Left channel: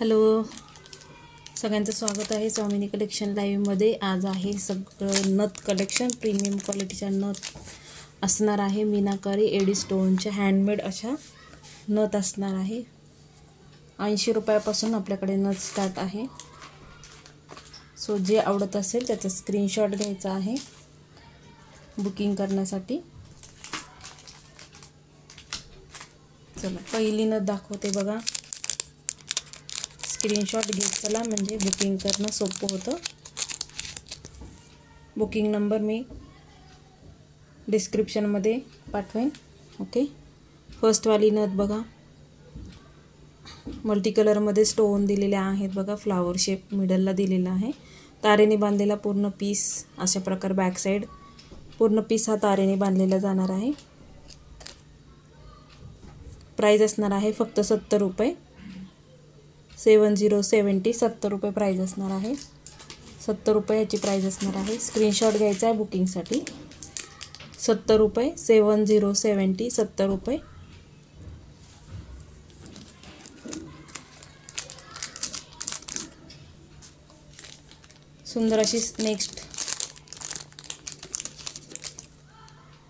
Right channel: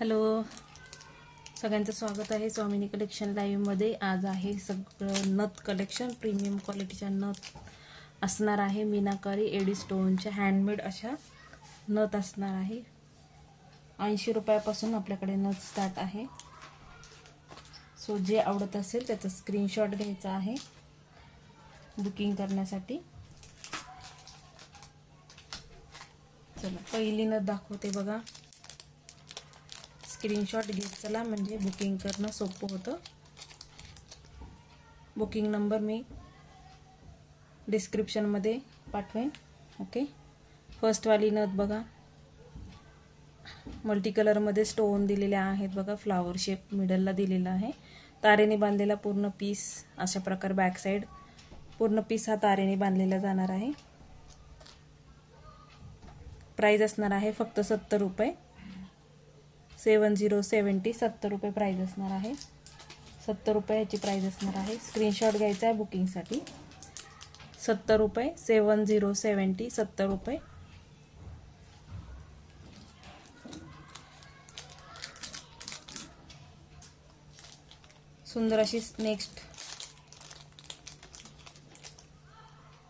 Hello, सगळ्यांचं स्वागत आहे स्वामिनी कलेक्शन लाईव्हमध्ये। आज आहे सगळं नथ कलेक्शन, प्रीमियम क्वालिटीच्या नथ असणार आहे। मीनाकारी एडी स्टोनच्या हँडमेड अशा नथ असणार आहे। 80 रुपयापासून आपल्याकडे नथ स्टार्ट आहे। सो जे आवडत असेल त्याचा स्क्रीनशॉट घ्यायचा आहे बुकिंग करण्यासाठी। चला पहिली नथ दाखवते बघा। स्क्रीनशॉट घेत चला म्हणजे बुकिंग करणं सोपं होतं। बुकिंग नंबर मी डिस्क्रिप्शनमध्ये पाठवेन। ओके, फर्स्ट वाली नथ बघा, मल्टी कलरमध्ये स्टोन दिलेले आहेत बघा। फ्लावर शेप मिडलला दिलेला आहे। तारेने बांधलेला पूर्ण पीस अशा प्रकार बॅक साइड पूर्ण पीस हा तारेने बांधलेला जाणार आहे। प्राइस असणार आहे फक्त 70 रुपये। 7070 70 रुपये प्राइस असणार आहे। 70 रुपये याची प्राइस असणार आहे। स्क्रीनशॉट घ्यायचा आहे बुकिंगसाठी। 70 रुपये 7070 70 रुपये। सुंदर अशी नेक्स्ट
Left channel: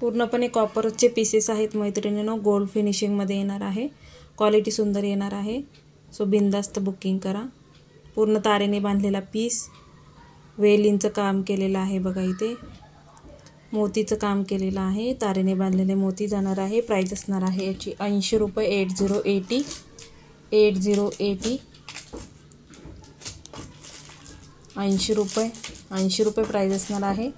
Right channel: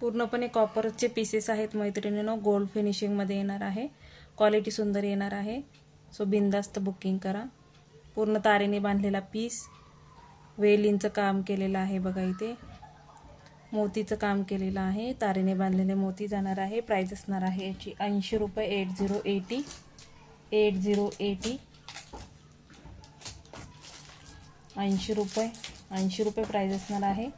पूर्णपणे कॉपरचे पीसेस आहेत मैत्रिणींनो। गोल्ड फिनिशिंगमध्ये येणार आहे। क्वालिटी सुंदर येणार आहे। सो बिंदास्त बुकिंग करा। पूर्ण तारेने बांधलेला पीस, वेलींचं काम केलेलं आहे बघा। इथे मोतीचं काम केलेलं आहे। तारेने बांधलेले मोती जाणार आहे। प्राइस असणार आहे याची 80 रुपये 8080 8080 80 रुपये 80 रुपये प्राइस असणार आहे।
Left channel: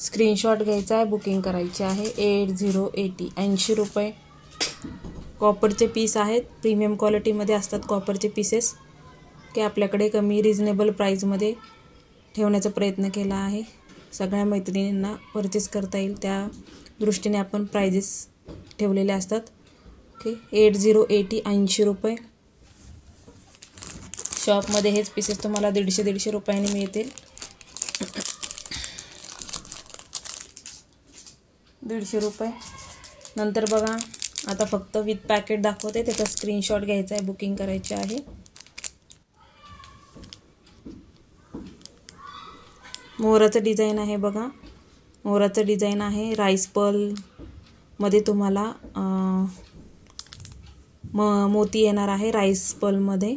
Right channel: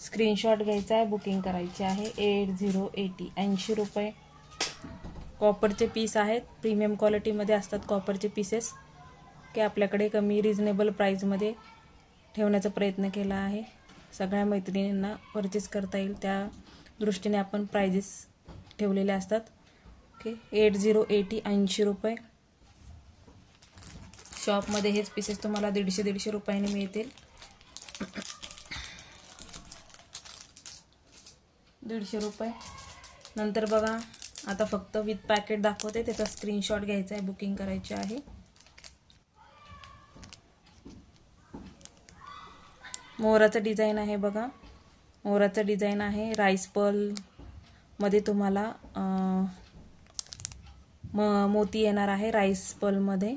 स्क्रीनशॉट घ्यायचा आहे, बुकिंग करायची आहे। 8080 80 रुपये। कॉपरचे पीस आहेत, प्रीमियम क्वालिटीमध्ये असतात कॉपरचे पीसेस की आपल्याकडे कमी रिजनेबल प्राईजमध्ये ठेवण्याचा प्रयत्न केला आहे। सगळ्या मैत्रिणींना परचेस करता येईल त्या दृष्टीने आपण प्राइजेस ठेवलेले असतात। ओके, 8080 80 रुपये। शॉपमध्ये हेच पीसेस तुम्हाला 150-150 रुपयांनी मिळतील। 150 रुपये। नंतर बघा आता फक्त विथ पॅकेट दाखवते, त्याचा स्क्रीनशॉट घ्यायचा आहे, बुकिंग करायची आहे। मोराचं डिझाइन आहे बघा। मोराचं डिझाइन आहे। राईस पर्ल मध्ये तुम्हाला मोती येणार आहे राईस पर्ल मध्ये।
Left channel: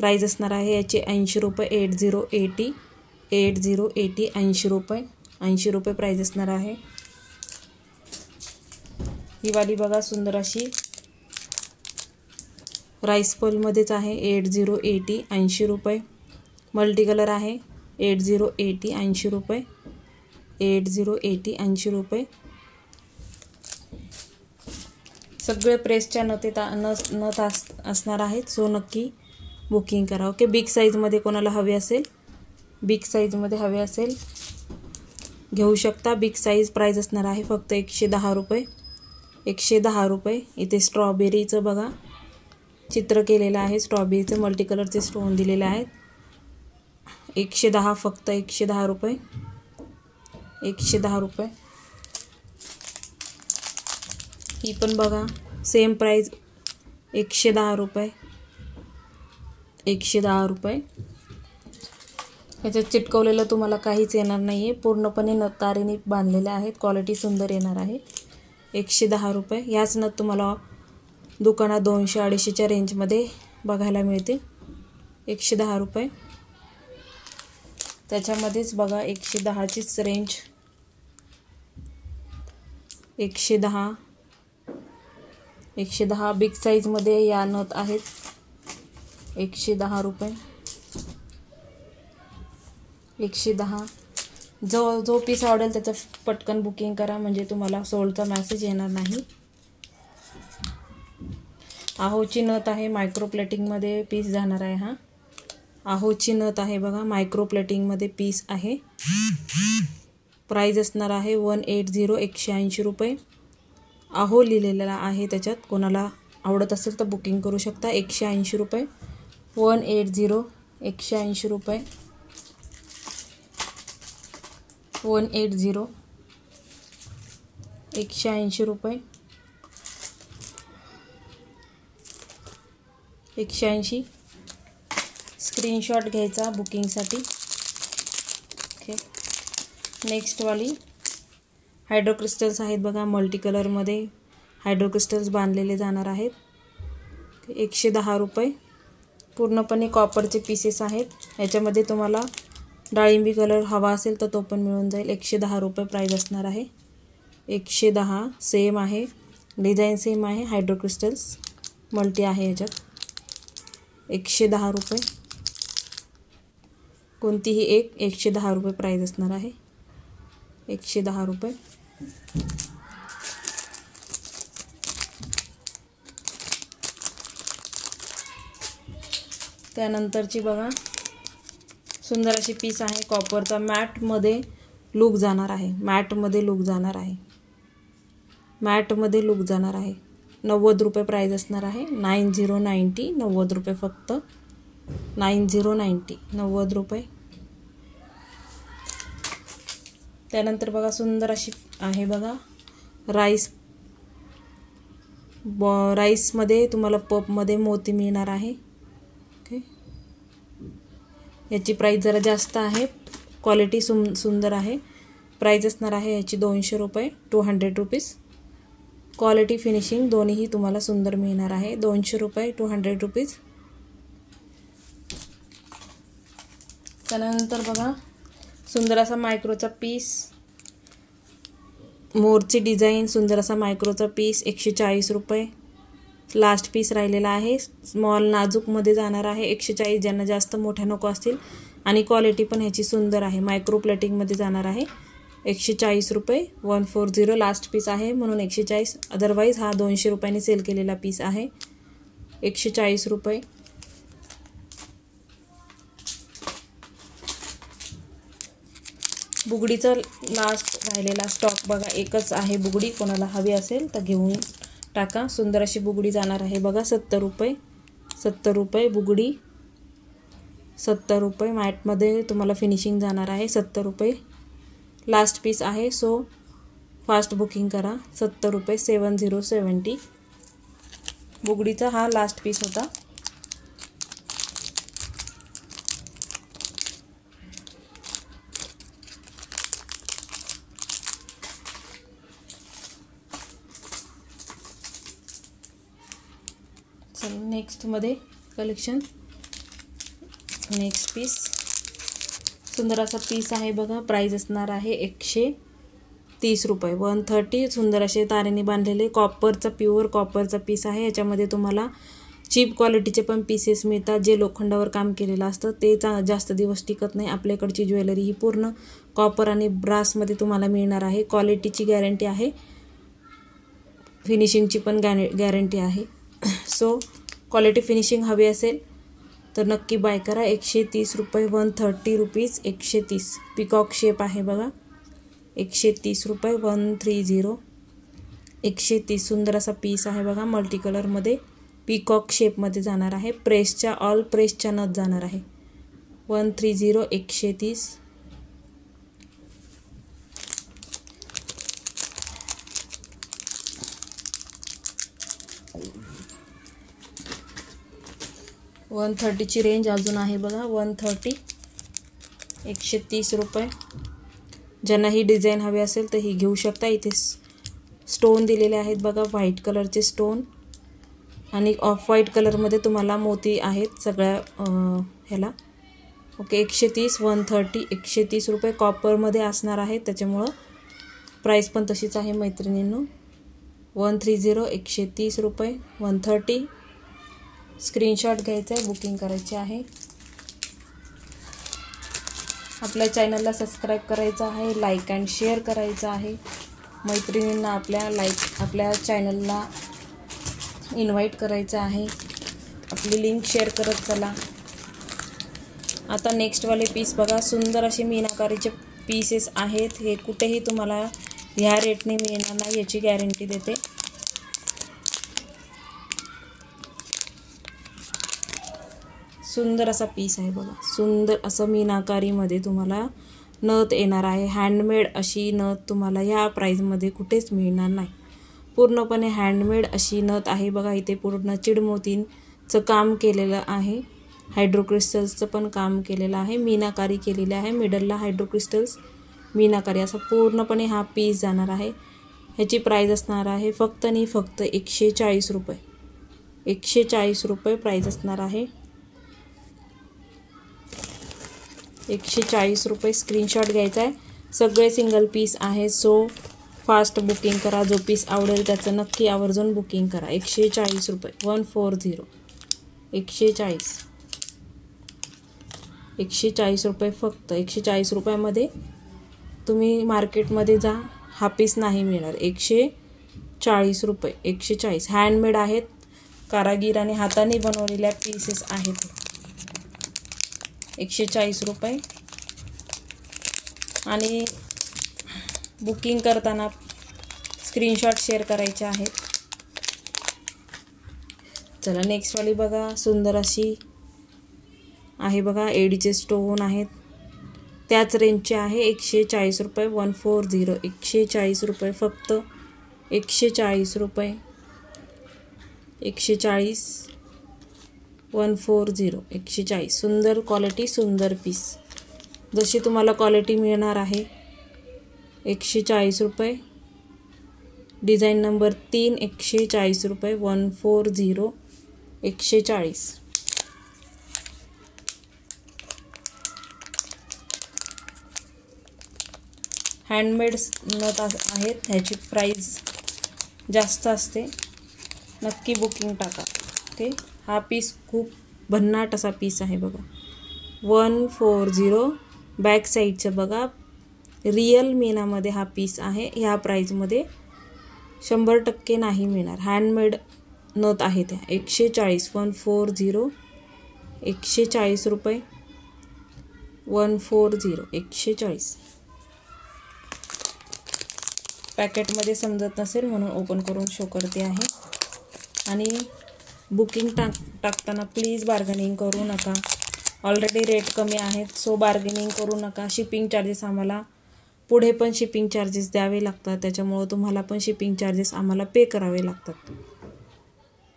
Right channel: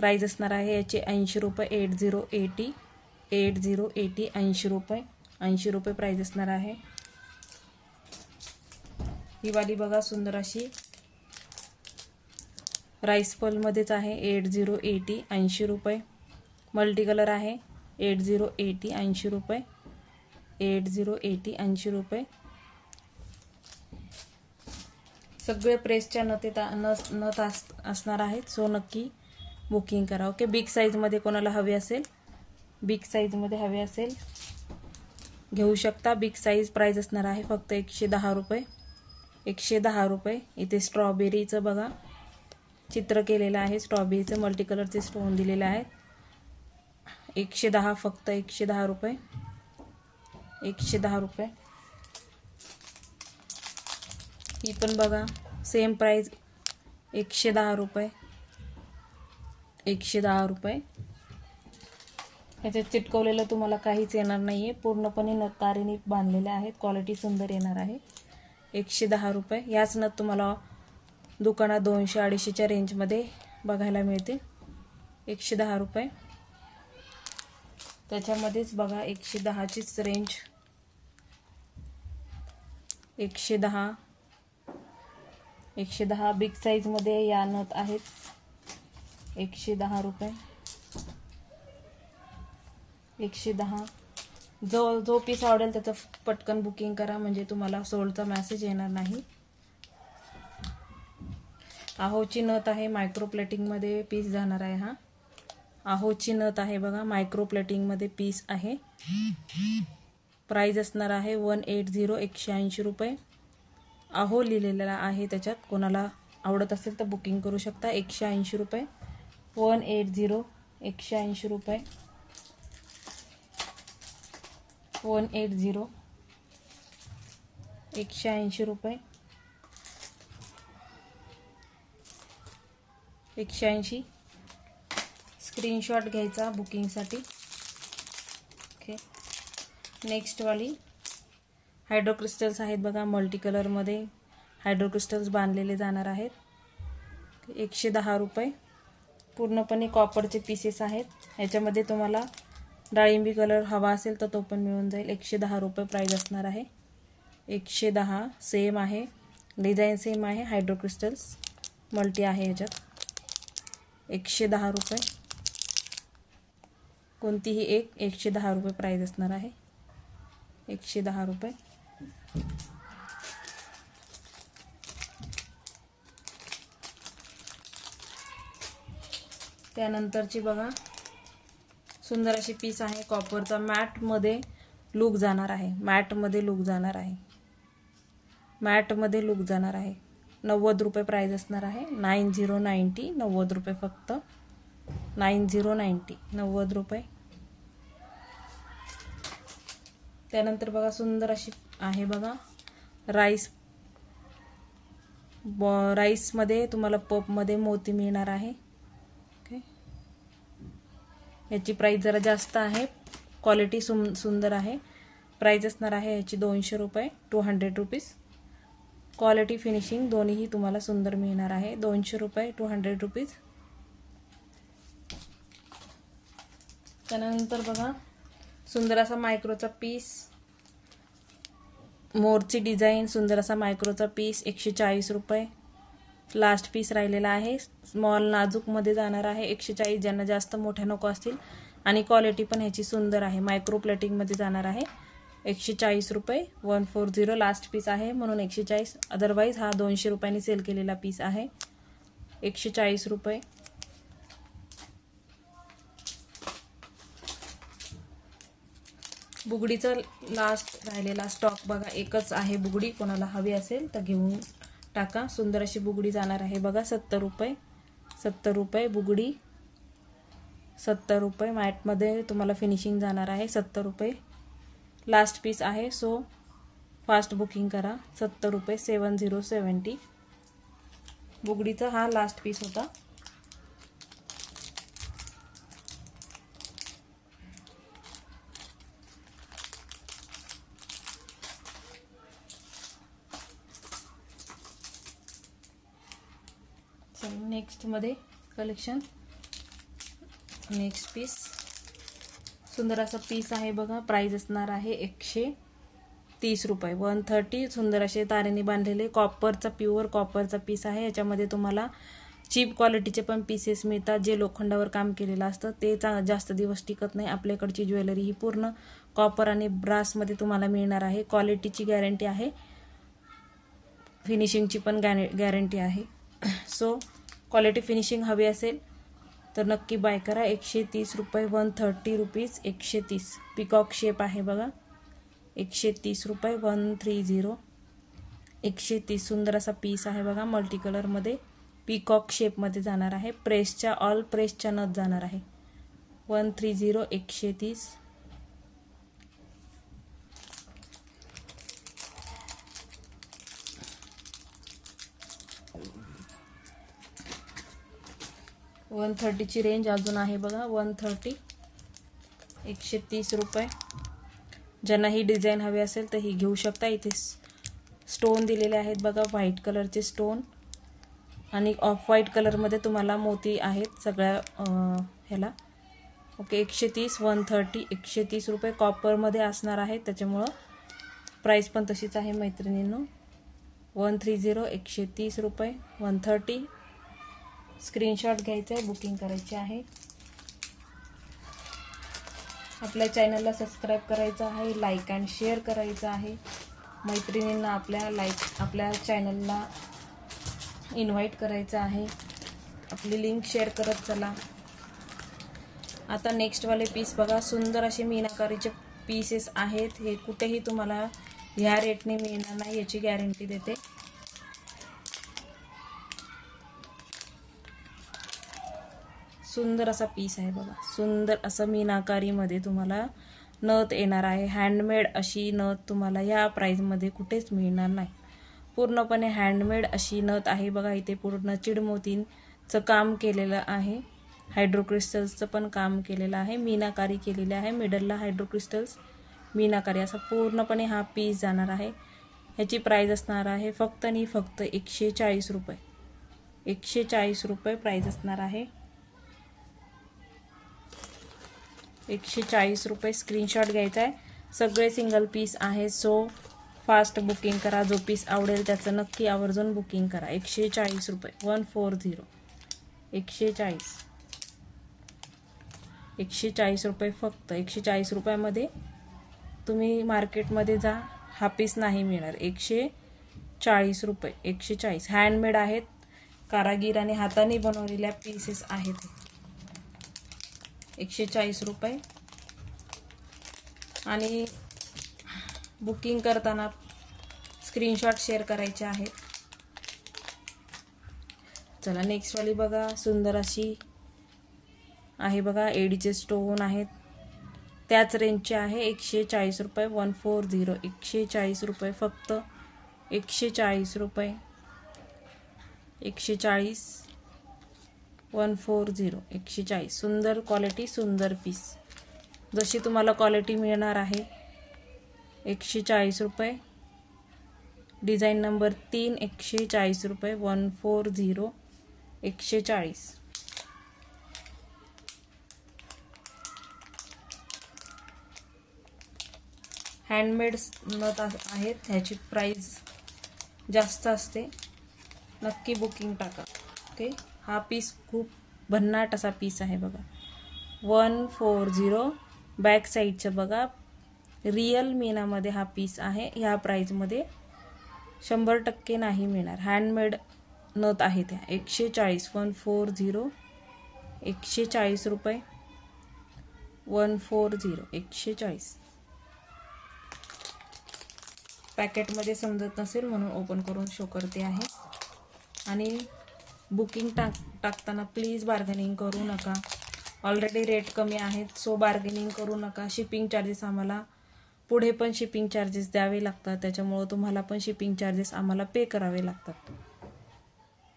प्राइस असणार आहे याची 80 रुपये 8080 8080 80 रुपये 80 रुपये प्राइस असणार आहे। ही वाली बघा सुंदर अशी राईस पर्ल मध्येच आहे। 8080 80 रुपये। मल्टी कलर आहे। 8080 80 रुपये 8080 80 रुपये। सगळे प्रेसच्या नथ असणार आहेत। सो नक्की बुकिंग करा। ओके, बिग साईजमध्ये कोणाला हवे असेल, बिग साईजमध्ये हवे असेल घेऊ शकता। बिग साईज प्राइस असणार आहे फक्त 110 रुपये 110 रुपये। इथे स्ट्रॉबेरीचं बघा चित्र केलेलं आहे। स्ट्रॉबेरीचं मल्टी कलरचे स्टोन दिलेले आहेत। 110 फक्त 110 रुपये 110 रुपये। ही पण बघा सेम प्राइस 110 रुपये 110 रुपये। ह्याच्यात चिटकवलेलं तुम्हाला काहीच येणार नाही आहे। पूर्णपणे नथ तारेने बांधलेले आहेत। क्वालिटी सुंदर येणार आहे। 110 रुपये। याच नथ तुम्हाला दुकानात 200-250च्या रेंजमध्ये बघायला मिळतील। 110 रुपये। त्याच्यामध्येच बघा 110चीच रेंज 110 110 बिग साईजमध्ये या नथ आहेत। 110 रुपये 110। जो पीस आवडेल त्याचं पटकन बुकिंग करा म्हणजे तुम्हाला सोल्डचा मेसेज येणार नाही। आहोची नथ आहे, मायक्रो प्लेटिंगमध्ये पीस जाणार आहे। हा आहोची नथ आहे बघा, मायक्रो प्लेटिंगमध्ये पीस आहे। प्राइस असणार आहे 180 180 रुपये। आहो लिहिलेला आहे त्याच्यात, कोणाला आवडत असेल तर बुकिंग करू शकता। 180 रुपये 180 180 रुपये 180 180 रुपये 180 स्क्रीनशॉट घ्यायचा बुकिंगसाठी. ओके, नेक्स्टवाली हायड्रो क्रिस्टल्स आहेत बघा, मल्टी कलरमध्ये हायड्रो क्रिस्टल्स बांधलेले जाणार आहेत. 110 रुपये. पूर्णपणे कॉपरचे पीसेस आहेत. याच्यामध्ये तुम्हाला डाळिंबी कलर हवा असेल तर तो पण मिळून जाईल. 110 रुपये प्राईस असणार आहे. 110 सेम आहे, डिझाईन सेम आहे. हायड्रो क्रिस्टल्स मल्टी आहे याच्यात. 110 रुपये. कोणतीही एक 110 रुपये प्राईस असणार आहे. 110 रुपये. त्यानंतरची बघा सुंदर अशी पीस आहे कॉपरचा. मॅटमध्ये लूक जाणार आहे. मॅटमध्ये लूक जाणार आहे. 90 रुपये प्राईज असणार आहे. 9090 90 रुपये फक्त. 9090 90 रुपये. त्यानंतर बघा सुंदर अशी आहे बघा राईसमध्ये तुम्हाला पपमध्ये मोती मिळणार आहे. ओके, याची प्राईस जरा जास्त आहे. क्वालिटी सुंदर आहे. प्राईस असणार आहे याची 200 रुपये, 200 रुपीज. क्वालिटी फिनिशिंग दोन्हीही तुम्हाला सुंदर मिळणार आहे. 200 रुपये, 200 रुपीज. त्यानंतर बघा सुंदर असा मायक्रोचा पीस, मोरची डिझाईन, सुंदर असा मायक्रोचा पीस. 140 रुपये. लास्ट पीस राहिलेला आहे. स्मॉल नाजूकमध्ये जाणार आहे. 140. ज्यांना जास्त मोठ्या नको असतील आणि क्वालिटी पण ह्याची सुंदर आहे. मायक्रो प्लेटिंगमध्ये जाणार आहे. 140 रुपये. 140 लास्ट पीस आहे म्हणून 140. अदरवाईज हा 200 रुपयांनी सेल केलेला पीस आहे. 140 रुपये. बुगडीचा लास्ट राहिलेला स्टॉक बघा, एकच आहे बुगडी. कोणाला हवी असेल तर घेऊन टाका. सुंदर अशी बुगडी जाणार आहे बघा. 70 रुपये. 70 रुपये बुगडी. 70 रुपये. मॅटमध्ये तुम्हाला फिनिशिंग जाणार आहे. 70 रुपये लास्ट पीस आहे. सो फास्ट बुकिंग करा. 70 रुपये. 7070. बुगडीचा हा लास्ट पीस होता. नेक्स्टमध्ये कलेक्शन. नेक्स्ट पीस सुंदर असा पीस आहे बघा. प्राईस असणार आहे 130 रुपये. 130. सुंदर असे तारेने बांधलेले कॉपरचा, प्युअर कॉपरचा पीस आहे. याच्यामध्ये तुम्हाला चीप क्वालिटीचे पण पीसेस मिळतात. जे लोखंडावर काम केलेलं असतं ते जास्त दिवस टिकत नाही. आपल्याकडची ज्वेलरी ही पूर्ण कॉपर आणि ब्रासमध्ये तुम्हाला मिळणार आहे. क्वालिटीची गॅरंटी आहे. फिनिशिंगची पण गॅरंटी आहे. सो क्वालिटी फिनिशिंग हवी असेल तर नक्की बाय करा. 130 रुपये. 130 रुपीज. 130. पिकॉक शेप आहे बघा. 130 रुपये. 130. 130. सुंदर असा पीस आहे बघा. मल्टी कलरमध्ये पिकॉक शेपमध्ये जाणार आहे. प्रेसच्या ऑल प्रेसच्या नथ जाणार आहे. 130. 130. वन 130ची रेंज अजून आहे बघा. 130. 130 रुपये. ज्यांना ही डिझाईन हवी असेल तर ही घेऊ शकता. इथे स्टोन दिलेले आहेत बघा. व्हाईट कलरचे स्टोन आणि ऑफ व्हाईट कलरमध्ये तुम्हाला मोती आहेत सगळ्या ह्याला. ओके, 130. 130. 130 रुपये. कॉपरमध्ये असणार आहे त्याच्यामुळं प्राईस पण तशीच आहे मैत्रिणींनो. 130. 130 रुपये. 130. स्क्रीनशॉट घ्यायचा आहे, बुकिंग करायची आहे. आपल्या चॅनलला सबस्क्राईब करायचं आहे, लाईक अँड शेअर करायचं आहे. मैत्रिणींना आपल्या चॅनलला इन्व्हाइट करायचं आहे. आपली लिंक शेअर करत चला. आता नेक्स्टवाले पीस बघा. सुंदर असे मीनाकारीचे पीसेस आहेत. हे कुठेही तुम्हाला ह्या रेटने मिळणार नाही याची गॅरंटी देते. सुंदर असा पीस आहे बघा. सुंदर असं मीनाकारीमध्ये तुम्हाला नथ येणार आहे. हँडमेड अशी नथ तुम्हाला ह्या प्राईजमध्ये कुठेच मिळणार नाही. पूर्णपणे हँडमेड अशी नथ आहे बघा. इथे पूर्ण चिडमोतींचं काम केलेलं आहे. हायड्रोक्रिस्टल्सचं पण काम केलेलं आहे, मीनाकारी केलेली आहे. मिडलला हायड्रोक्रिस्टल्स, मीनाकारी असा पूर्णपणे हा पीस जाणार आहे. ह्याची प्राईज असणार आहे फक्त आणि फक्त 140 रुपये. 140 रुपये प्राईज असणार आहे. 140 रुपये. स्क्रीनशॉट घ्यायचा आहे. सगळे सिंगल पीस आहे, सो फास्ट बुकिंग करा. जो पीस आवडेल त्याचं नक्की आवर्जून बुकिंग करा. 140 रुपये. 140. 140. 140 रुपये फक्त. 140 रुपयामध्ये तुम्ही मार्केटमध्ये जा, हा पीस नाही मिळणार. 140 रुपये. 140. हँडमेड आहेत, कारागिराने हाताने बनवलेल्या पीसेस आहेत. 140 रुपये. आणि बुकिंग करताना स्क्रीनशॉट शेअर करायचे आहेत. चला नेक्स्टवाली बघा. सुंदर अशी आहे बघा, एडीचे स्टोन आहेत, त्याच रेंजचे आहे. 140 रुपये. 140. 140 रुपये फक्त. 140 रुपये. 140. 140. 140. सुंदर क्वालिटी, सुंदर पीस, जशी तुम्हाला क्वालिटी मिळणार आहे. 140 रुपये. Design number 3. 140 रुपये. 140. 140. हँडमेड नथ आहेत, ह्याची प्राईज जास्त असते. नक्की बुकिंग टाका. ओके. हा पीस खूप भन्नाट असा पीस आहे बघा. 140. बॅक साईडचं बघा, रियल मीनामध्ये हा पीस आहे. ह्या प्राईजमध्ये 100% नाही मिळणार. हँडमेड नथ आहे त्या. 140. 140. 140 रुपये. 140. 140. पॅकेटमध्ये समजत नसेल म्हणून ओपन करून शो करते आहे. आणि बुकिंग टाकताना प्लीज बार्गेनिंग करू नका. ऑलरेडी रेट कमी आहेत, सो बार्गेनिंग करू नका. शिपिंग चार्जेस आम्हाला पुढे पण शिपिंग चार्जेस द्यावे लागतात, त्याच्यामुळं तुम्हाला पण शिपिंग चार्जेस आम्हाला पे करावे लागतात.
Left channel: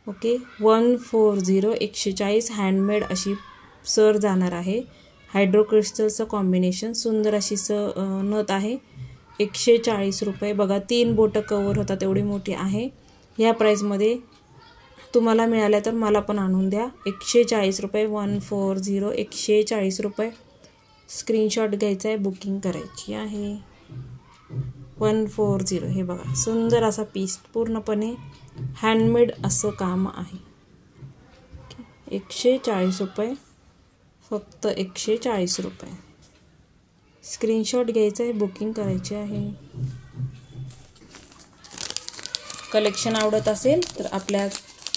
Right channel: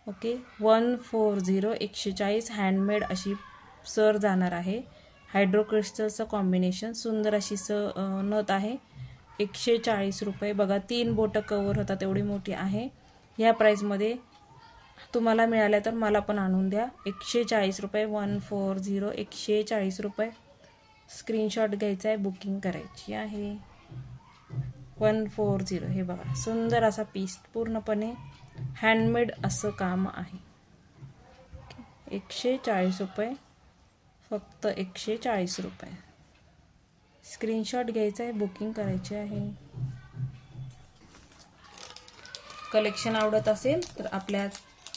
ओके. 140. 140. हँडमेड अशी सर जाणार आहे. हायड्रोक्रिस्टलचं कॉम्बिनेशन, सुंदर अशी नथ आहे. 140 रुपये. बघा 3 बोटं कवर होतात एवढी मोठी आहे. ह्या प्राईजमध्ये तुम्हाला मिळाल्या तर मला पण आणून द्या. 140 रुपये. 140. 140 रुपये. स्क्रीनशॉट घ्यायचा आहे, बुकिंग करायची आहे. 140. हे बघा सुंदर असा पीस, पूर्णपणे हँडमेड असं काम आहे. 140 रुपये फक्त. 140 रुपये. स्क्रीनशॉट घ्यायचा आहे, बुकिंग करायची आहे. कलेक्शन आवडत असेल तर आपल्या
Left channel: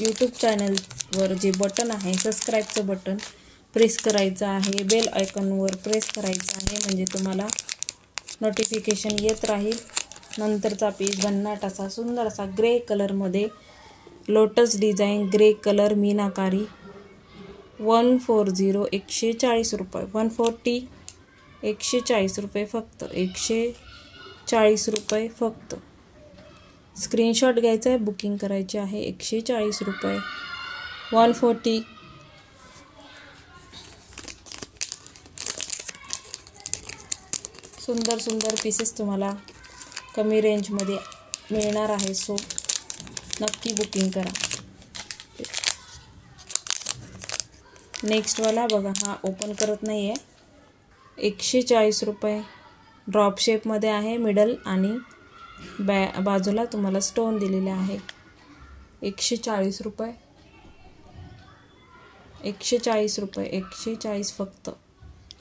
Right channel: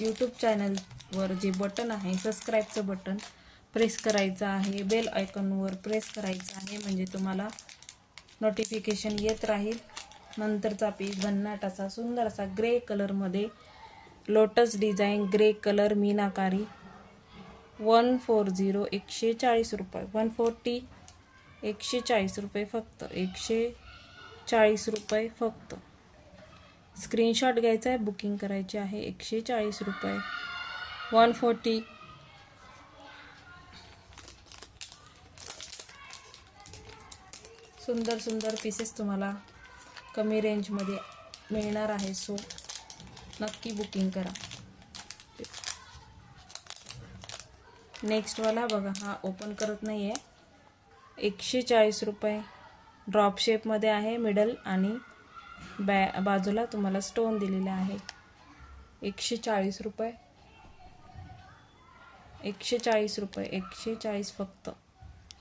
यूट्यूब चॅनलवर जे बटन आहे, सबस्क्राईबचं बटन प्रेस करायचं आहे. बेल आयकॉनवर प्रेस करायचं आहे, म्हणजे तुम्हाला नोटिफिकेशन येत राहील. नंतरचा पीस भन्नाट असा सुंदर असा ग्रे कलरमध्ये, लोटस डिझाईन, ग्रे कलर, मीनाकारी. 140. 140 रुपये. 140. 140 रुपये फक्त. 140 रुपये फक्त. स्क्रीनशॉट घ्यायचा आहे, बुकिंग करायची आहे. 140 रुपये. 140. सुंदर सुंदर पीसेस तुम्हाला कमी रेंजमध्ये मिळणार आहे, सो नक्की बुकिंग करा. नेक्स्टवाला बघा, हा ओपन करत नाही आहे. 140 रुपये. ड्रॉप शेपमध्ये आहे, मिडल आणि बाजूला तुम्हाला स्टोन दिलेले आहे. 140 रुपये. 140 रुपये. 140 फक्त.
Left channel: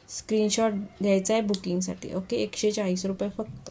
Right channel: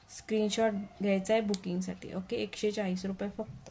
स्क्रीनशॉट घ्यायचा आहे बुकिंगसाठी. ओके. 140 रुपये फक्त.